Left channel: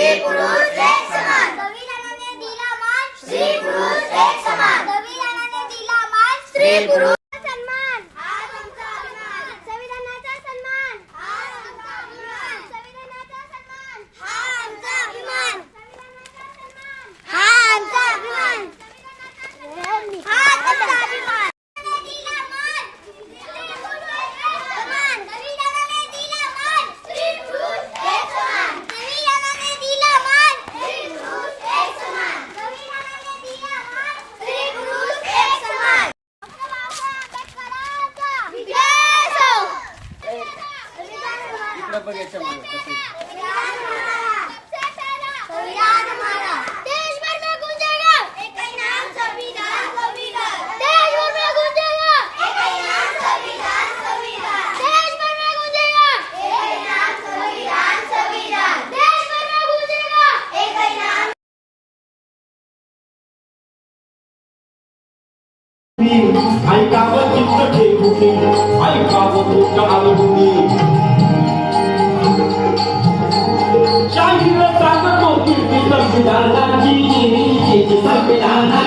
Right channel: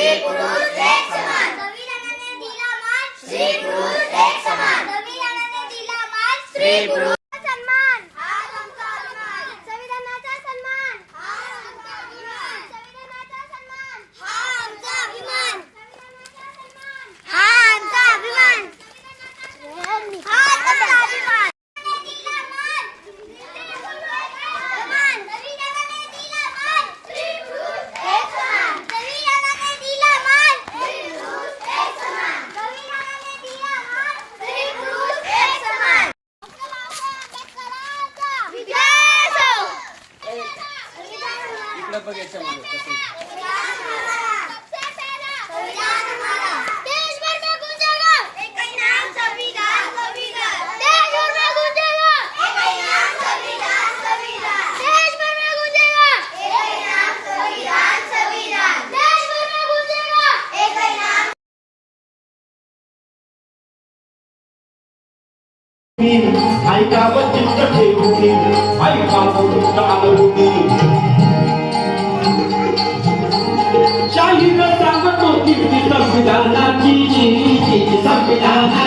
स्त्री पुरुष एक समान. संविधानाने दिला मान स्त्री पुरुष एक समान. संविधानाने दिला मान स्त्री पुरुष सन्मान. संविधानाचा सन्मान. संविधानाचा सन्मान. हा आमचा अभिमान. हा आमचा अभिमान. हा आमचा अभिमान. बघायचं मला कसं ऐकावं चित्त ठेवून ऐकावं चित्त आलवून जाहीर सांगतो की संविधानाची संविधान